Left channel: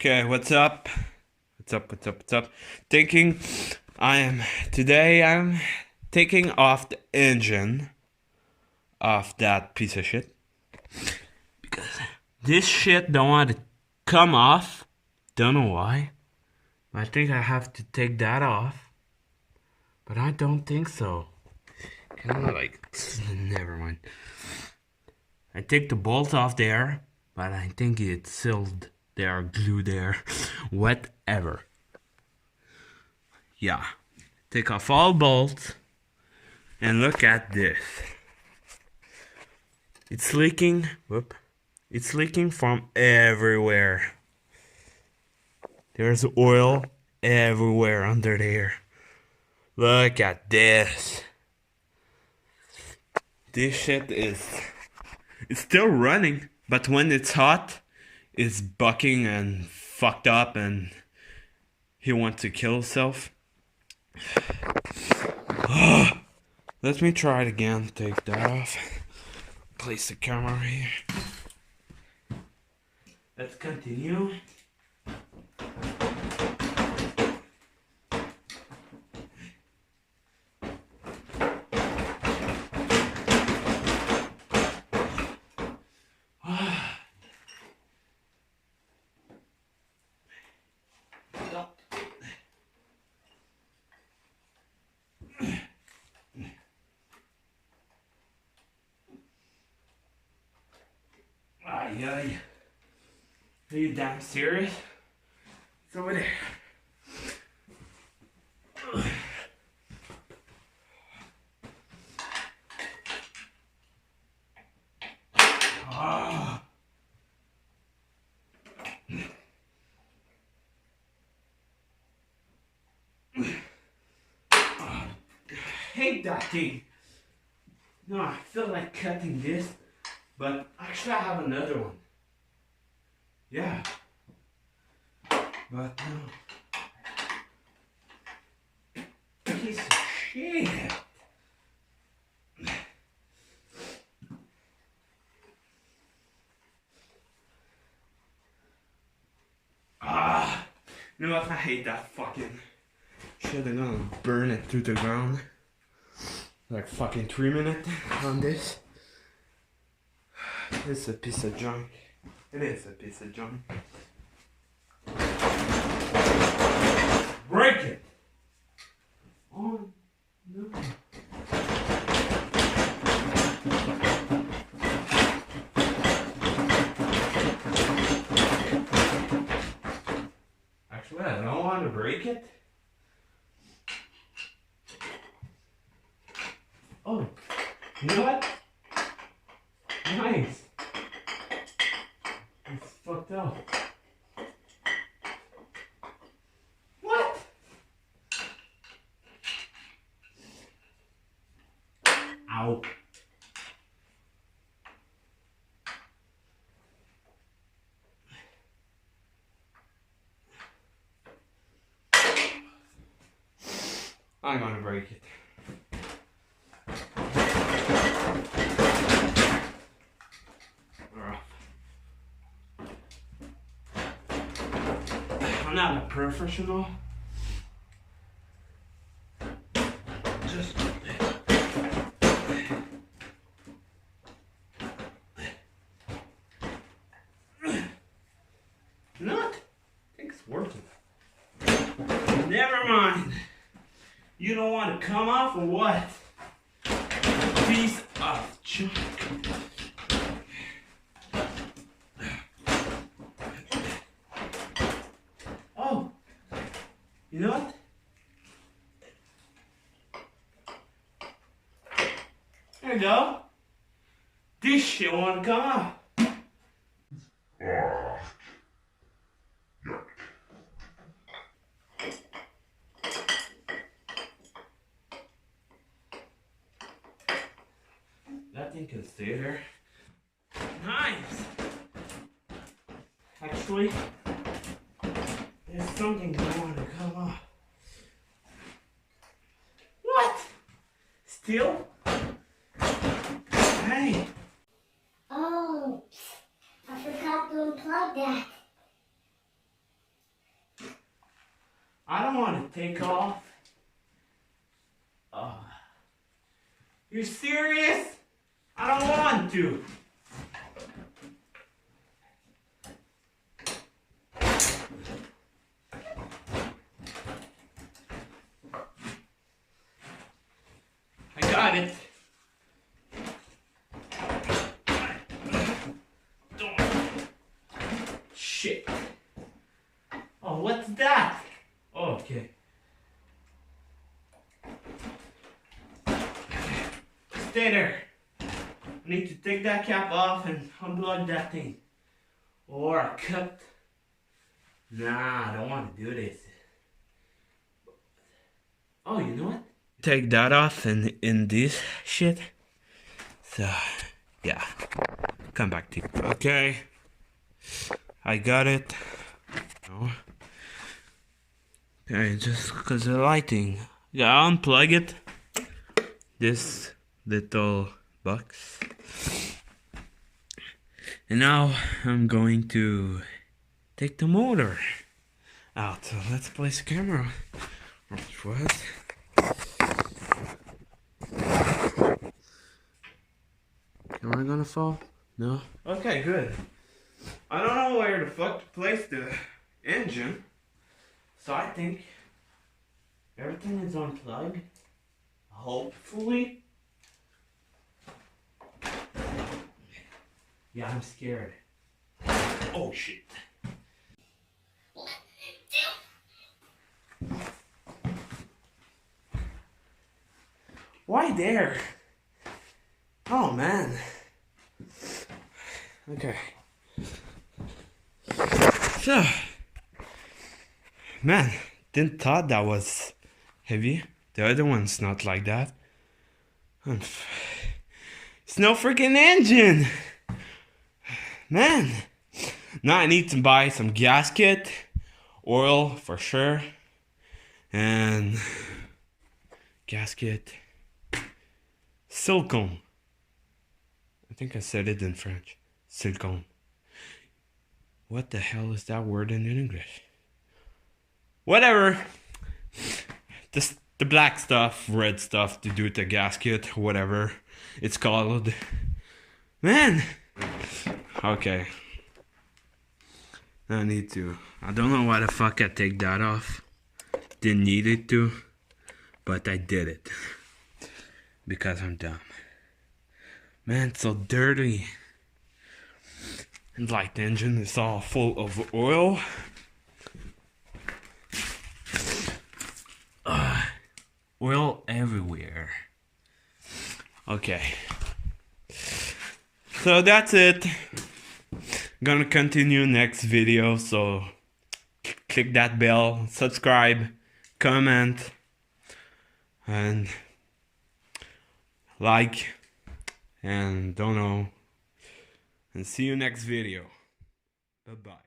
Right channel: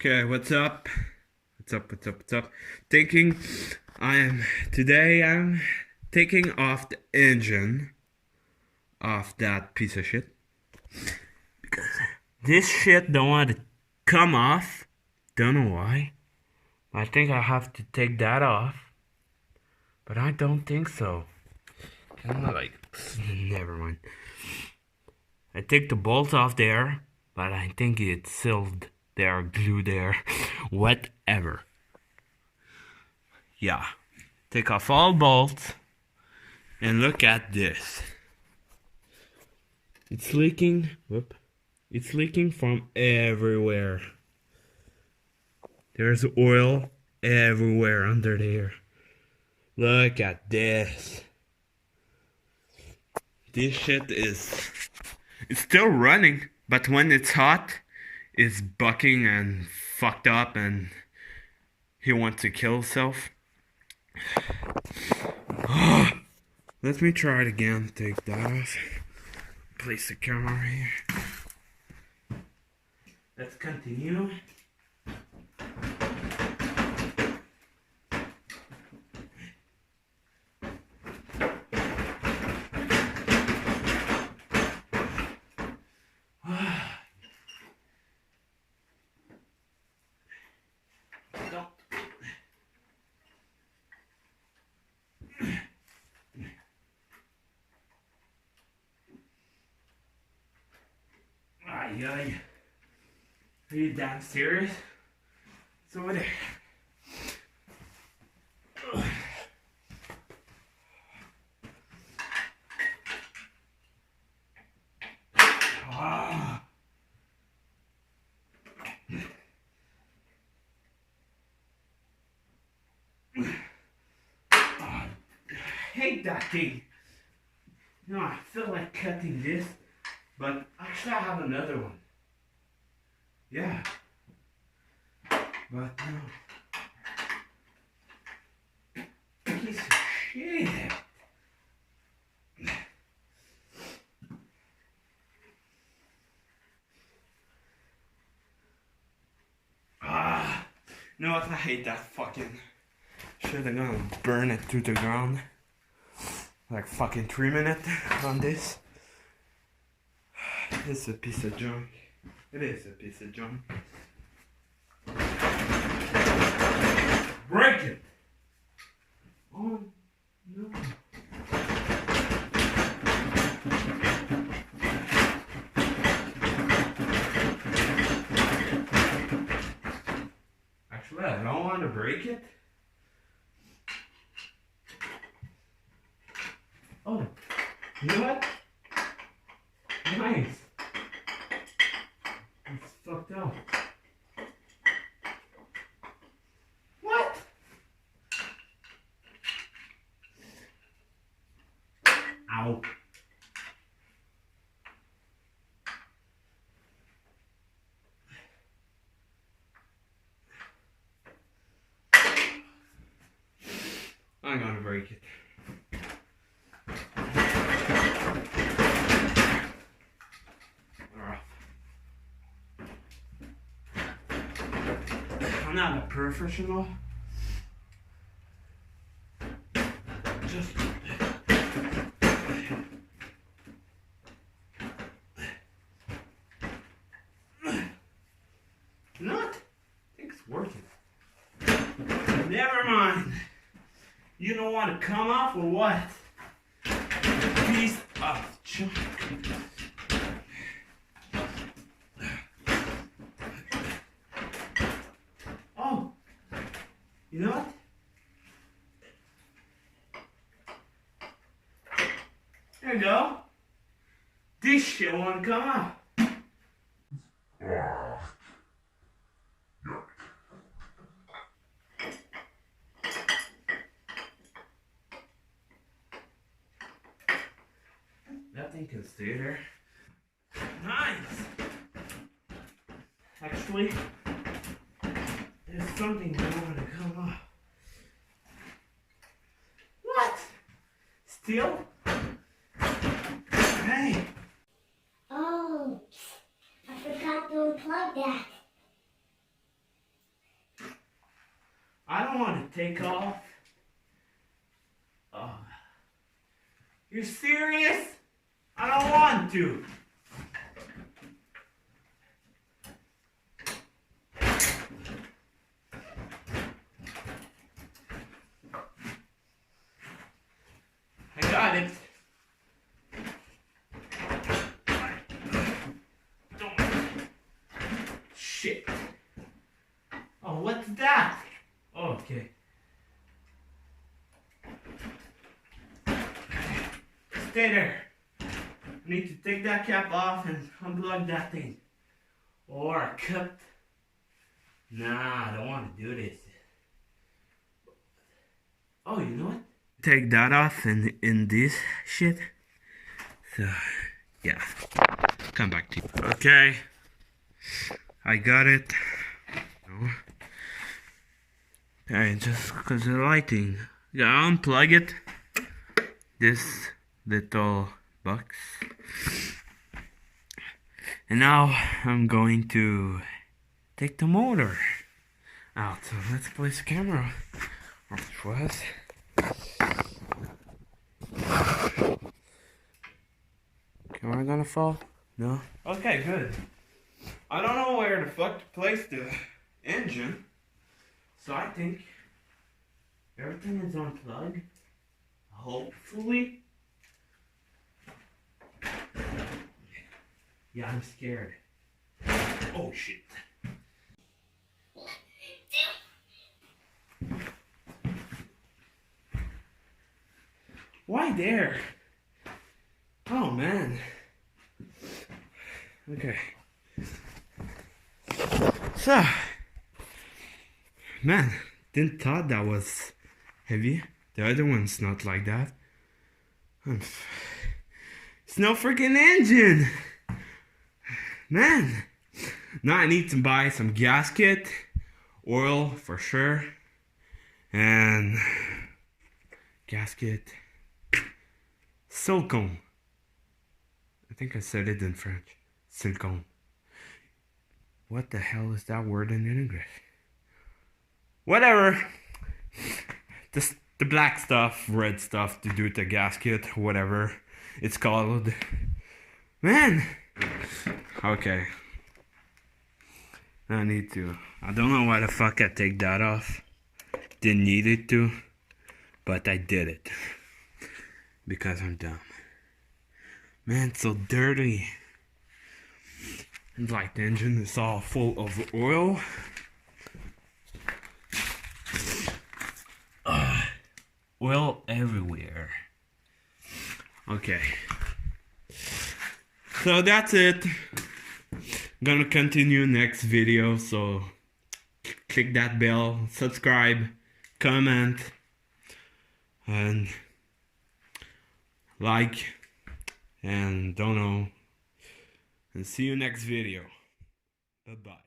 Okay, what's up? What's up? Thinking today I'm taking off the engine of that piece of shit. Because this shit don't want to come off. Don't know why. I think I have to take that off. But I don't think so. Never mind. I take the bolt off there, but I think it's sealed there, glued there, whatever. Yeah. Take off all bolts and look at this. It's leaking. Whoop. It's leaking from everywhere. There's oil everywhere under there. Look at this. This shit it's still running, but when it's hot, it's bucking and fucked up and he wants to kill himself. Let me try it again. Take that off. Place the camera here. Let's continue. Ay. Are you damn serious? It's over there. Hate that thing. You know, I feel like cutting this, but actually I have another one. Yeah. But no. Piece of shit. You know what? I hate that fucking shit. I'm gonna burn it to the ground. Like fucking 3 minutes on this. It's a piece of junk. It is a piece of junk. Break it! Oh no. Actually, I don't want to break it. Oh, you know what? Nice. It's fucked up. What? Ow. I'm gonna break it. I'm not a professional. Just not. I think it's working. Never mind. You don't want to come off or what? Piece of junk. Oh, you know what? There you go. This shit want to come off. That thing can stay there. Nice. Actually, there's something that want to come off. What? Still? Hey. Oh, I forgot to unplug that. I don't want to take off. You're serious? I don't want to. I got it. Shit. Oh, what's that? Oh, okay. Stay there. I need to take that cap off and unplug that thing. Or a cut. Nah, I don't want to do this. Oh, you know what? Take that off and in this shit. So, yeah. Come back to you. Okay. I got it. No. Okay, just because the lighting. Yeah, unplug it. This little box. And now I'm going to take the motor out. So let's place the camera. What? Am I gonna fall? No. Okay, good. I don't know where the fuck to place the engine. So I think everything is unplugged. Hopefully. Yeah, I'm scared. Oh shit. Why there? Oh man. Okay. So, man, didn't thought that was heavy. The other one's not like that. It's no freaking engine. Man. Now I need to buy some gasket, oil for sure, and gasket, silicone. I think I said it in French. Silicone. What the hell is that word in English? Whatever. The black stuff, red stuff to do the gasket, whatever it's called. Man. Okay. I need to. I don't know why the fuck I take that off. Didn't need it to. But I did it. Because I'm dumb. Man, it's so dirty. And like the engine is all full of oil. Oil everywhere. Okay. So that's it. Gonna continue next video, so click that bell, subscribe, comment, and like, and don't know, and see you next video. Bye bye.